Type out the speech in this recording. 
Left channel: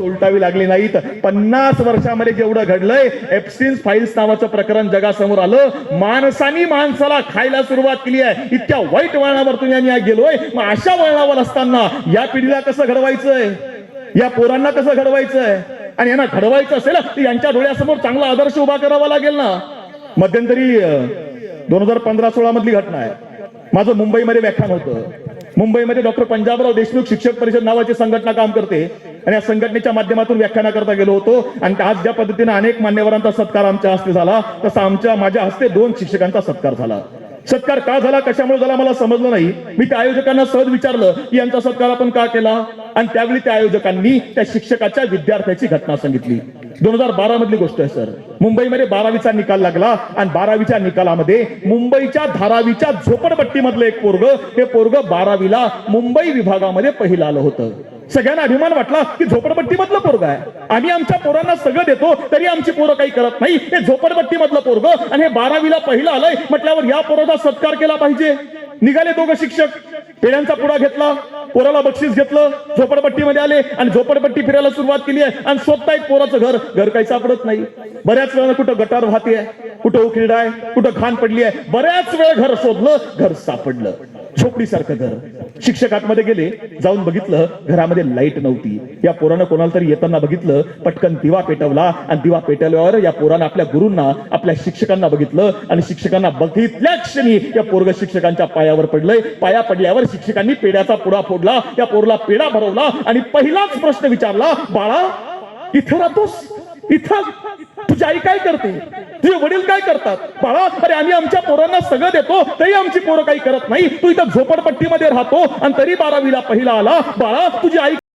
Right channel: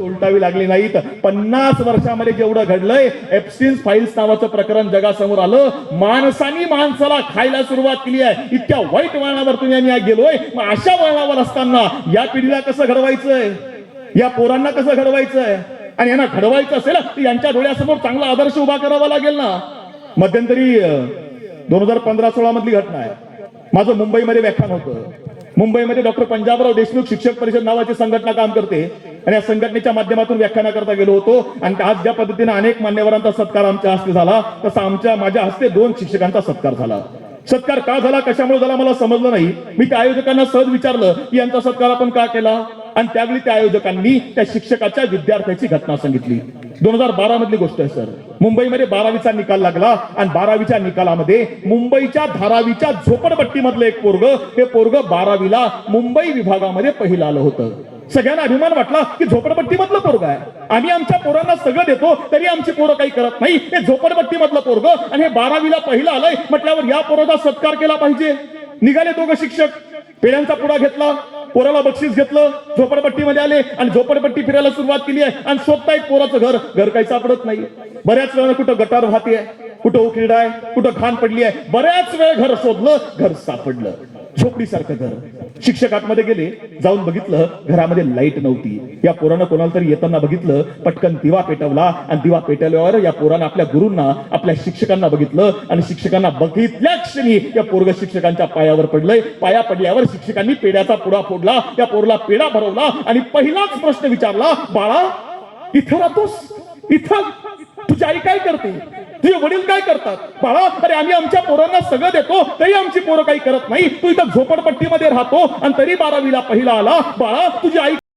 उलटावी लागली नाहीत. 50 वर्षामध्ये जेवढं घडलंय, एप्स्टीन फाईल्स नावाचं प्रकरण जगासमोर आलं. माणसानी माणसाला खायला सुरुवात केली आहे. इतक्या वाईट वळणावर तुम्ही गेलोय. मग अशा वळणावर असताना या पिढीला कसं घडवायचंय, या पोरांना कसं घडवायचंय? आणि यांना घडवायचं असेल तर यांच्या डोळ्यासमोर चांगला आदर्श उभा करावा लागेल ना. मध्यंतरी 2015-16 मधली घटना आहे. माझं मुंबईमध्ये व्याख्यान होतं. मुंबईमध्ये डॉक्टर पंजाबराव देशमुख शिक्षक परिषद नावाची संघटना काम करते आणि या संघटनेच्या माध्यमातून व्याख्यानाकरता गेलो होतो. आणि आज ज्या पद्धतीने अनेक मान्यवरांचा सत्कार आमच्या हस्ते झाला, तसा माझ्या हस्ते 2 शिक्षकांचा सत्कार झाला. सत्कार का झाला, कशामुळे झाला मला समजलं नाही. मी त्या आयोजकांना सहज विचारलं की यांचा सत्कार आपण का केला, आणि त्यावेळी त्या आयोजकांनी त्या शिक्षकाच्या विद्यार्थ्याची घटना सांगितली. 2012 मधली गोष्ट आहे सर. मुंबईमध्ये 12वीचा निकाल लागला आणि 12वीच्या निकालामध्ये मुंबईच्या धारावीच्या झोपडपट्टीमधलं एक पोरग, हे पोरग 12वीला मुंबई विभागामध्ये पहिलं आलं होतं. सगळ्यांना अभिमान वाटला की झोपडपट्टीमधलं पोरग आहे. आम्ही आमच्या पोरांना सगळं देतो तरी आमची पोरं काही करत नाही. हे झोपडपट्टीमधलं पोरग आणि हे 12वीला पहिलं आलंय म्हटल्यावर या पोराचा सत्कार केला पाहिजे. निघाले 2 शिक्षक, पेढ्यांचा पुडा घेतला, पोराला बक्षीस घेतलं, झोपडपट्टीमध्ये आले आणि झोपडपट्टी फिरायला सुरुवात केली आहे. आणि शोधतायत पोराचं घर काही सापडत नाही. बऱ्याच वेळा कुठं गटार वाहते आहे, कुठं उकिरडा आहे, कुठं घाण पडली आहे. बऱ्याच वेळ घर शोधलं, घर सापडलं. झोपडीसारखं घर. शिक्षक आतमध्ये गेले, जाऊन बघितलं घरामध्ये लाईट नव्हती. या पोरानं कोणाला तरी येताना बघितलं, पटकन दिवा पेटवला आणि दिवा पेटवल्यावर या पोरानं आपल्या गुरूंना, आपल्या शिक्षकांना बघितलं आणि शिक्षकांना बघितल्या क्षणी या पोरग शिक्षकांच्या पायावर पडलंय. पाया पडल्यावर शिक्षकांनी पेड्याचा पुडा फोडला, त्या पोरला पेढा भरवला आणि पहिलाच प्रश्न विचारला, बाळा इथं राहतोस, इथं तुझी आई काय करते, तुझे वडील काय करतात? बाळा, अरे आम्ही आमच्या पोरांना सगळं देतो तरी आमची पोरं काही करत नाही. तू इथं झोपडपट्टीमध्ये राहतो आणि तरी 12वीला पहिला आला. बाळा तुझी आई